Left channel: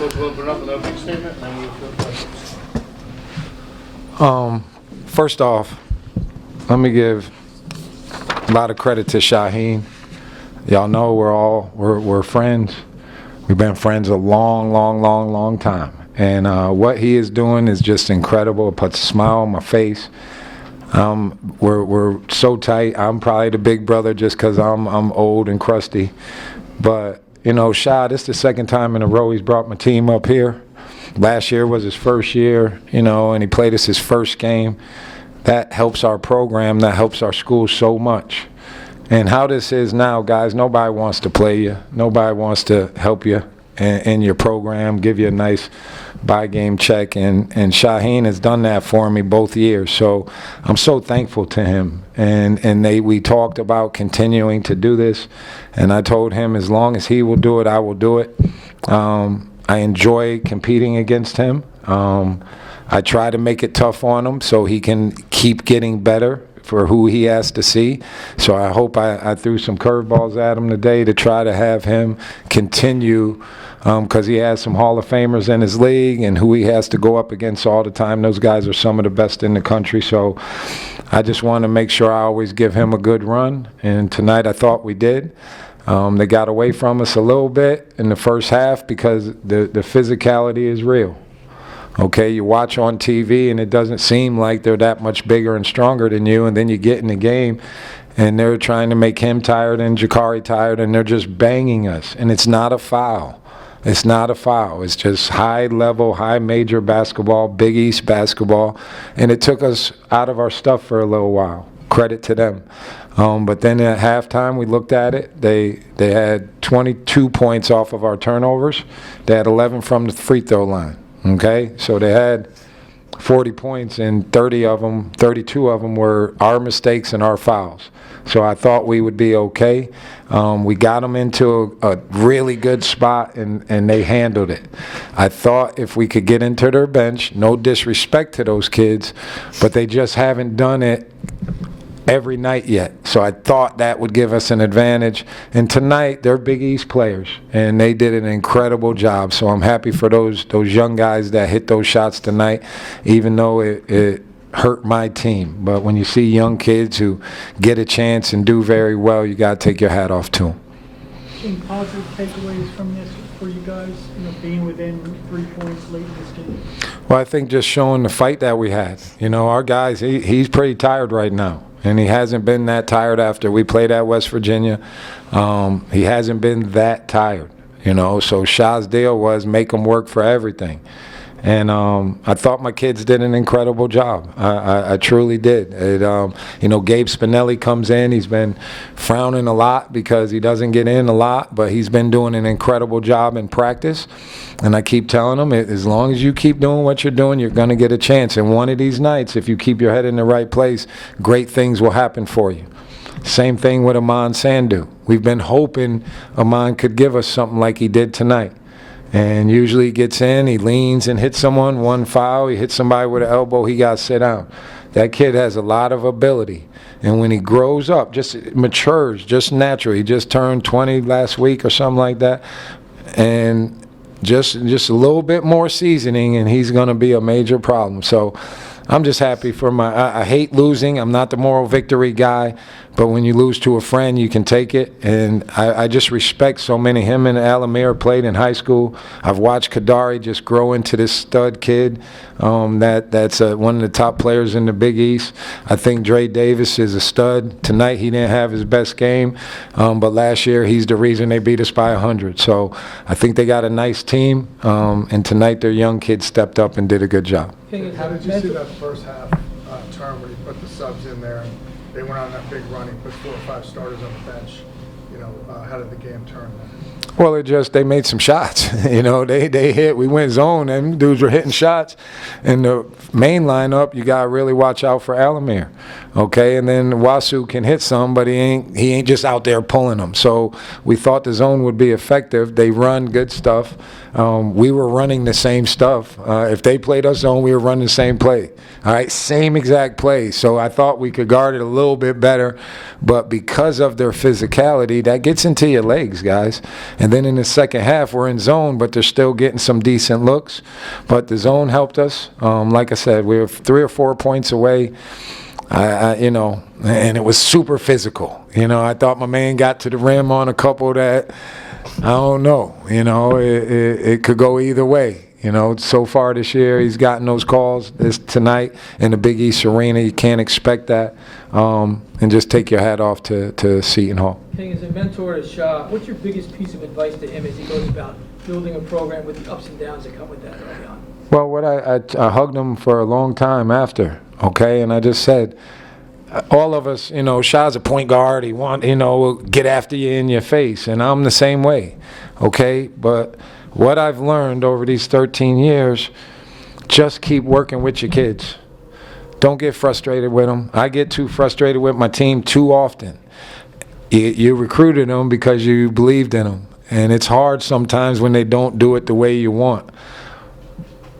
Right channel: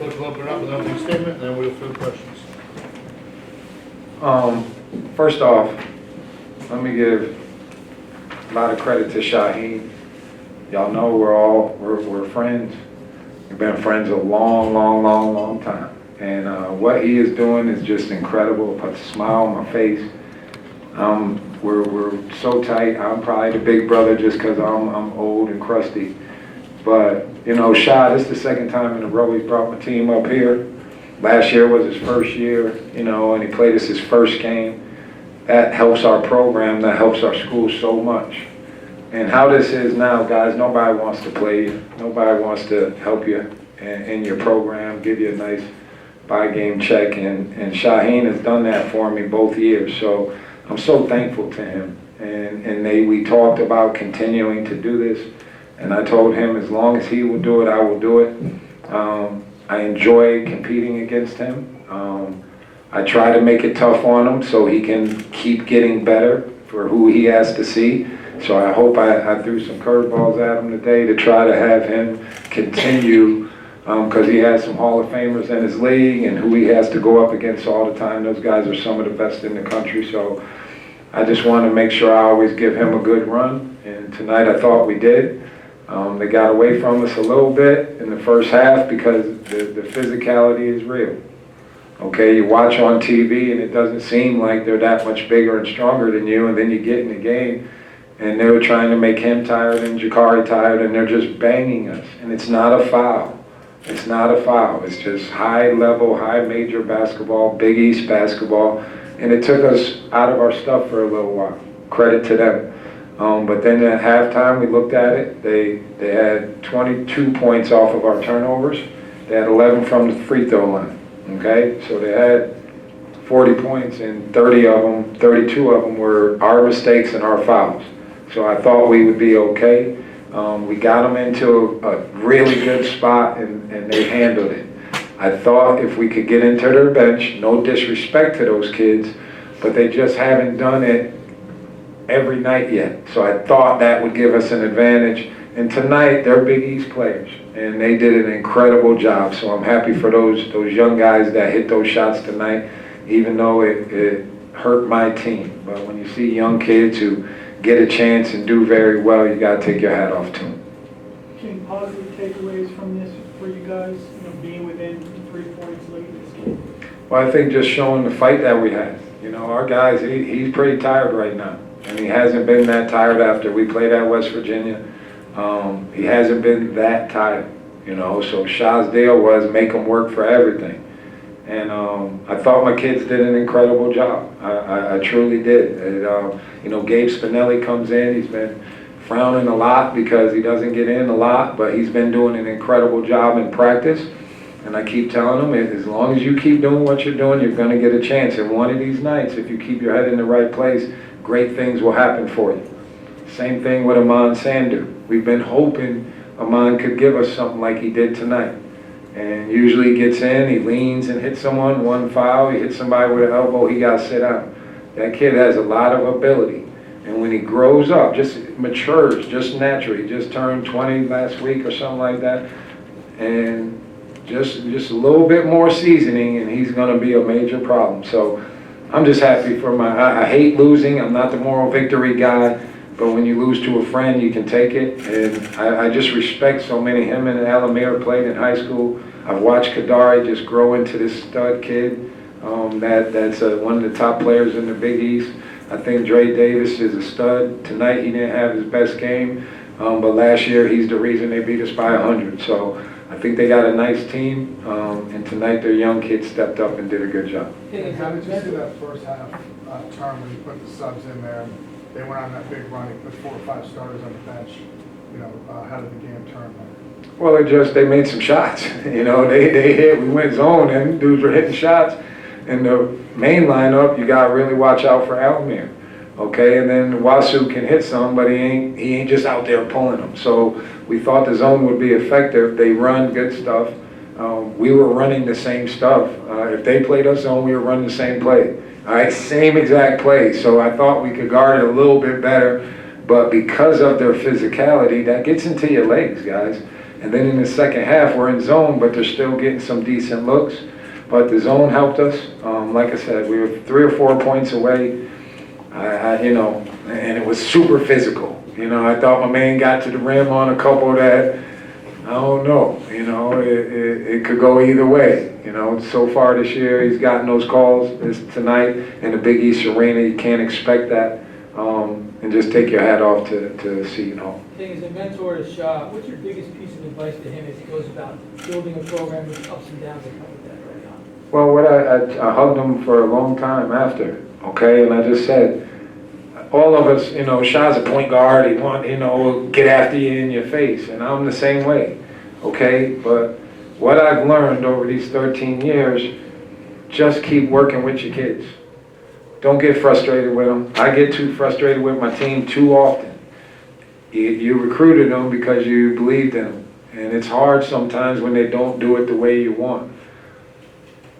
Coach will open up with an opening statement, and then we will field questions. First off, let me give a lot of credit to Shaheen. Y'all know we're friends. We've been friends a long time. And what he is doing is just incredible. It puts a smile on my face. We're so tight. I'm probably the big brother just because I'm old and crusty. But, you know, Shah, this is the second time in a row he's brought my team up here. Last year was his first year, you know, and he played us his first game. That helps our program. That helps our school so much. And how this is now, guys, nobody wants to play you. Nobody wants to help you in your program, give you a nice by-game check. And Shaheen has done that for me both years. So I'm so thankful to him. And we talked about continuing to do this. And I told him as long as he will do it, I will do it. I enjoy competing against him. I try to make it tough on him so he can keep getting better for who he has to see. So I hope I threw some curveballs at him today to try to have him continue, because he has some Hall of Famers in his league and who he has to go up against all the time. Those guys are some of the best in the country. So I just want to make sure I always give him a good run. And tonight I thought we did. They got away from us a little bit in the first half because the physicality is real. Okay, you watch on TV and it doesn't seem like they're that much bigger and stronger than you, and then you get in the game and they're trying to make him tired and Jakari tired, and they're just banging us. And it's not a foul. It's not a foul. It's just high level, high major basketball, Big East basketball, and it took us out of our stuff for a little while. Credit to them. But then at halftime, we looked at it. They had 22 points off of our turnovers. They had 11 from the free throw line. Okay, so they had 40 points, and 32 of them were our mistakes and our fouls. So I thought we would be okay. We got them into a really good spot, and they handled it. I thought if we could get into their bench, no disrespect to those kids, but they just haven't done it every night yet. So I thought that would give us an advantage. And tonight, they're Big East players, and they did an incredible job. So I'm happy for those young guys that hit those shots tonight, even though it hurt my team. But when you see young kids who get a chance and do very well, you got to take your hat off to them. Any positive takeaways from this for you guys, you know, being within 3 points late in this game? Well, I think just showing the fight that we had. You know, our guys, he's pretty tired right now. And he hasn't been that tired after we played at West Virginia. He hasn't been that tired, you know. So Shah's deal was make him work for everything. And I thought my kids did an incredible job. I truly did. You know, Gabe Spinelli comes in. He's been frowning a lot because he doesn't get in a lot, but he's been doing an incredible job in practice. And I keep telling them, as long as you keep doing what you're doing, you're going to get a chance. And one of these nights, if you keep your head in the right place, great things will happen for you. Same thing with Aman Sandhu. We've been hoping Aman could give us something like he did tonight. And usually he gets in, he leans and hits someone, one foul, he hits somebody with an elbow, he got to sit down. That kid has a lot of ability. And when he grows up, just matures, just naturally, he just turned 20 last week or something like that. And just a little bit more seasoning, and he's going to be a major problem. So I'm just happy for I hate losing. I'm not the moral victory guy, but when you lose to a friend, you can take it. And I just respect so many. Him and Alamir played in high school. I've watched Kadari just grow into this stud kid. That's one of the top players in the Big East. I think Dre Davis is a stud. Tonight he didn't have his best game, but last year he's the reason they beat us by 100. So I think they got a nice team, and tonight their young kids stepped up and did a good job. And how did you see that first half term when you put the subs in there? They went on that big run. He put 4 or 5 starters on the bench. You know, how did the game turn then? Well, they made some shots. You know, they hit. We went zone, and dudes were hitting shots. In the main lineup, you got to really watch out for Alamir. Okay, and then Wasu can hit some, but he ain't just out there pulling them. So we thought the zone would be effective. They run good stuff. we were running the same stuff. If they played us zone, we were running the same play. All right, same exact play. So I thought we could guard it a little bit better. But because of their physicality, that gets into your legs, guys. And then in the second half, we're in zone, but they're still getting some decent looks. But the zone helped us. Like I said, we were 3 or 4 points away. And it was super physical. I thought my man got to the rim on a couple that, I don't know. It could go either way. So far this year, he's gotten those calls. It's tonight in the Big East Arena. You can't expect that. And just take your hat off to Seton Hall. Hey, as a mentor to Shah, what's your biggest piece of advice to him as he goes about building a program with the ups and downs that come with that early on? Well, I hugged him for a long time after, okay? And I just said, all of us, Shah's a point guard. He want, get after you in your face. And I'm the same way, okay? But what I've learned over these 13 years, just keep working with your kids. Don't get frustrated with them. I get too frustrated with my team too often. You recruited them because you believed in them. And it's hard sometimes when they don't do it the way you want.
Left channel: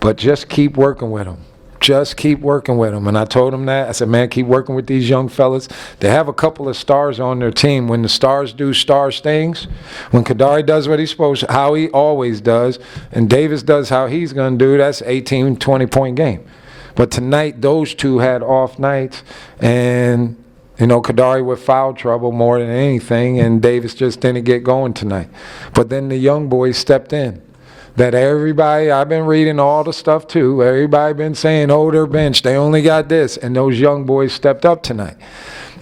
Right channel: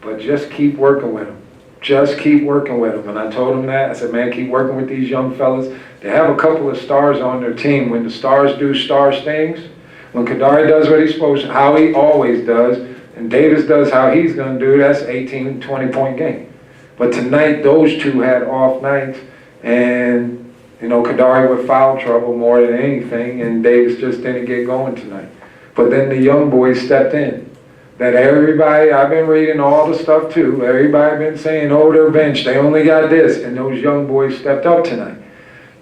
But just keep working with them. Just keep working with them. And I told them that. I said, man, keep working with these young fellas. They have a couple of stars on their team. When the stars do star things, when Kadari does what he's supposed to, how he always does, and Davis does how he's going to do, that's 18, 20-point game. But tonight, those two had off nights, and, Kadari with foul trouble more than anything, and Davis just didn't get going tonight. But then the young boys stepped in. That everybody, I've been reading all the stuff too, everybody been saying, oh, their bench, they only got this, and those young boys stepped up tonight.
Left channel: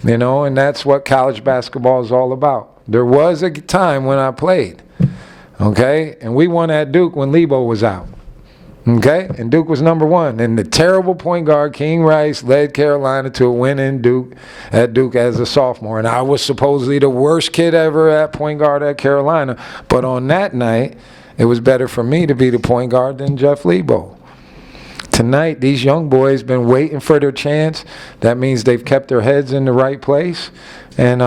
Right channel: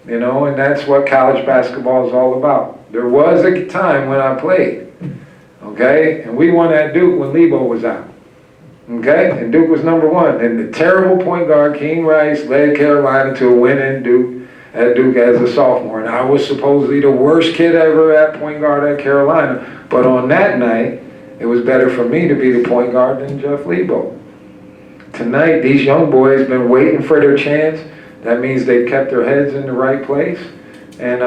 And that's what college basketball is all about. There was a time when I played, okay, and we won at Duke when Lebo was out. Okay, and Duke was number 1. And the terrible point guard, King Rice, led Carolina to a win at Duke as a sophomore. And I was supposedly the worst kid ever at point guard at Carolina. But on that night, it was better for me to be the point guard than Jeff Lebo. Tonight, these young boys been waiting for their chance. That means they've kept their heads in the right place. And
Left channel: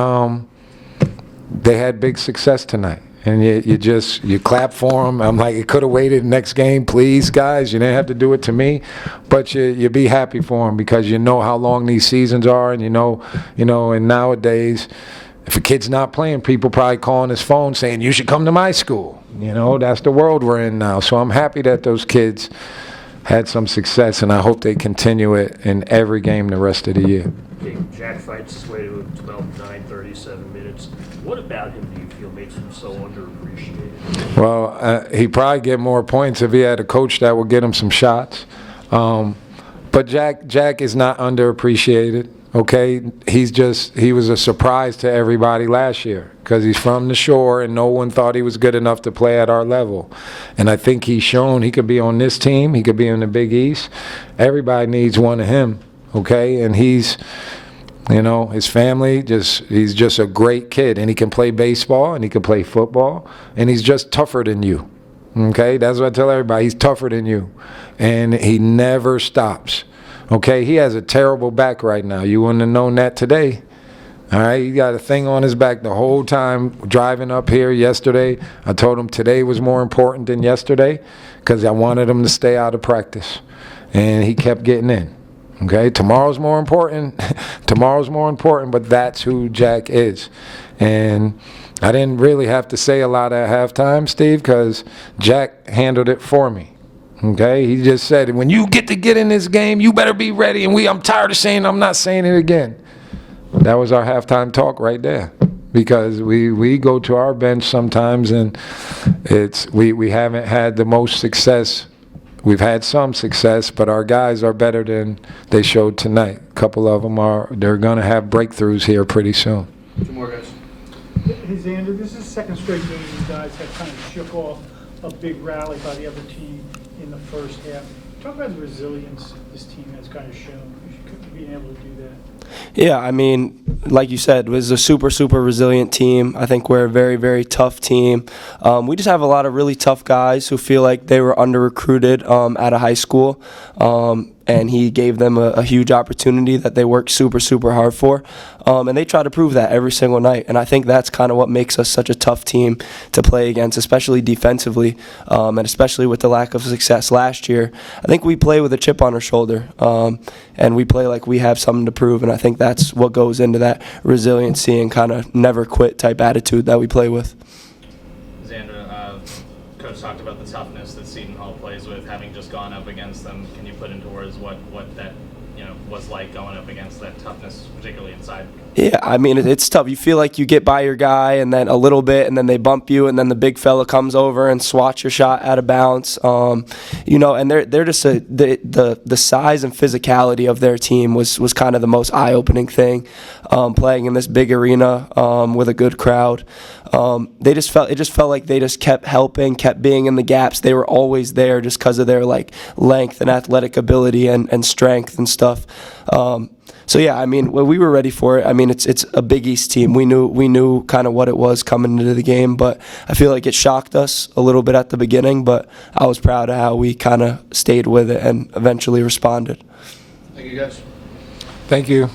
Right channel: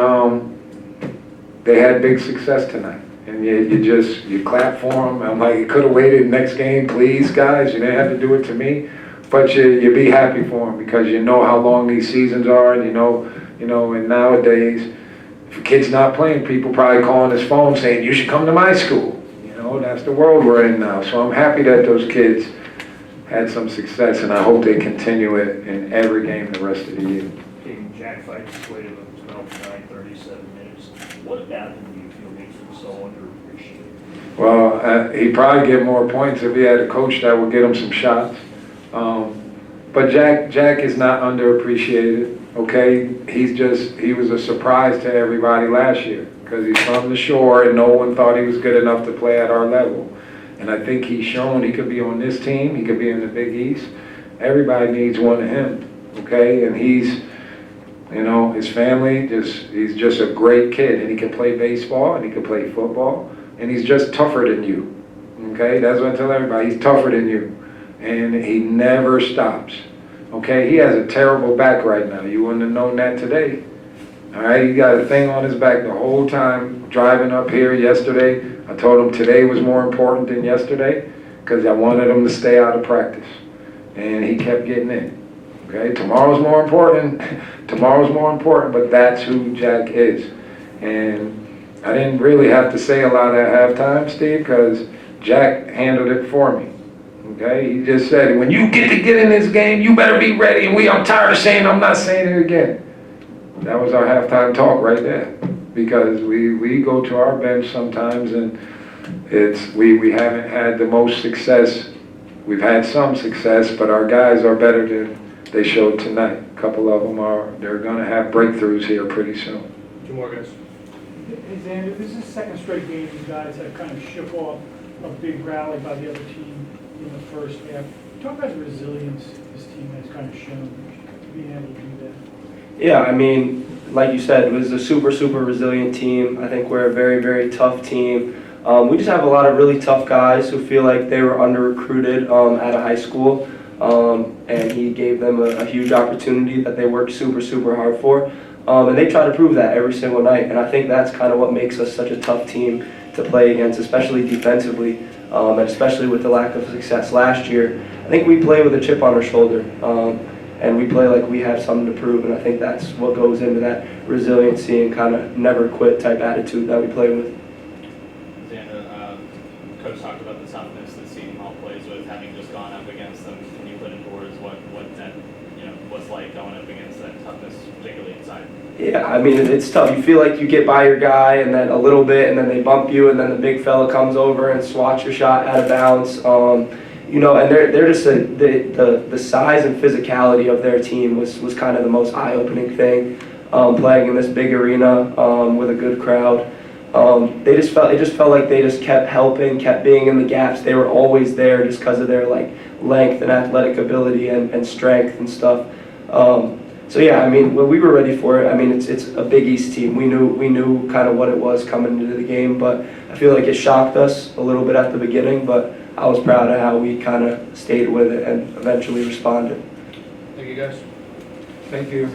they had big success tonight. And you clap for them. I'm like, you could have waited next game, please, guys. You didn't have to do it to me. But you be happy for them because you know how long these seasons are. And and nowadays, if a kid's not playing, people probably calling his phone saying, you should come to my school. That's the world we're in now. So I'm happy that those kids had some success, and I hope they continue it in every game the rest of the year. Okay, Jack Fight's slated with 12, 9, 37 minutes. What about him do you feel makes him so underappreciated? Well, he'd probably get more points if he had a coach that would get him some shots. But Jack is not underappreciated, okay? He was a surprise to everybody last year because he's from the shore and no one thought he was good enough to play at our level. And I think he's shown he could be on this team, he could be in the Big East. Everybody needs one of him, okay? And he's, his family, he's just a great kid. And he can play baseball and he can play football. And he's just tougher than you, okay? That's what I tell everybody. He's tougher than you. And he never stops, okay? He has a terrible back right now. You wouldn't have known that today. All right, he got a thing on his back the whole time driving up here yesterday. I told him today was more important than yesterday because I wanted him to stay out of practice. And he kept getting in. Okay, tomorrow's more important. Tomorrow's more important, but that's who Jack is. And I didn't really have to say a lot at halftime, Steve, because Jack handled it for me. Okay, he just said, when you get in this game, you better be ready. And I'm tired of saying, I'm not saying it again. That was our halftime talk right there, because we go to our bench sometimes and we haven't had the most success. We've had some success, but our guys are better than they showed tonight. A couple of them they're going to have breakthroughs here pretty soon. 2 more guys. Hey, Xander, this is the second straight game you guys have kind of shook off a big rally by the other team in the first half. Talk about the resilience this team has kind of shown being able to do that. Yeah, I mean, like you said, it was a super, super resilient team. I think we're a very, very tough team. We just have a lot of really tough guys who feel like they were under-recruited out of high school. and he gave them a huge opportunity that they worked super, super hard for. And they try to prove that every single night. And I think that's kind of what makes us such a tough team to play against, especially defensively, and especially with the lack of success last year. I think we play with a chip on our shoulder, and we play like we have something to prove. And I think that's what goes into that resiliency and kind of never quit type attitude that we play with. Xander, Coach talked about the toughness that Seton Hall plays with, having just gone up against them. Can you put into words what that was like going up against that toughness, particularly inside? Yeah, I mean, it's tough. You feel like you get by your guy and then a little bit, and then they bump you, and then the big fella comes over and swats your shot out of bounds. And they're just the size and physicality of their team was kind of the most eye-opening thing. Playing in this big arena with a good crowd. It just felt like they just kept helping, kept being in the gaps. They were always there just because of their like length and athletic ability and strength and stuff. So yeah, I mean, we were ready for it. I mean, it's a Big East team. We knew kind of what it was coming into the game, but I feel like it shocked us a little bit at the beginning. But I was proud of how we kind of stayed with it and eventually responded. Thank you, guys. Thank you.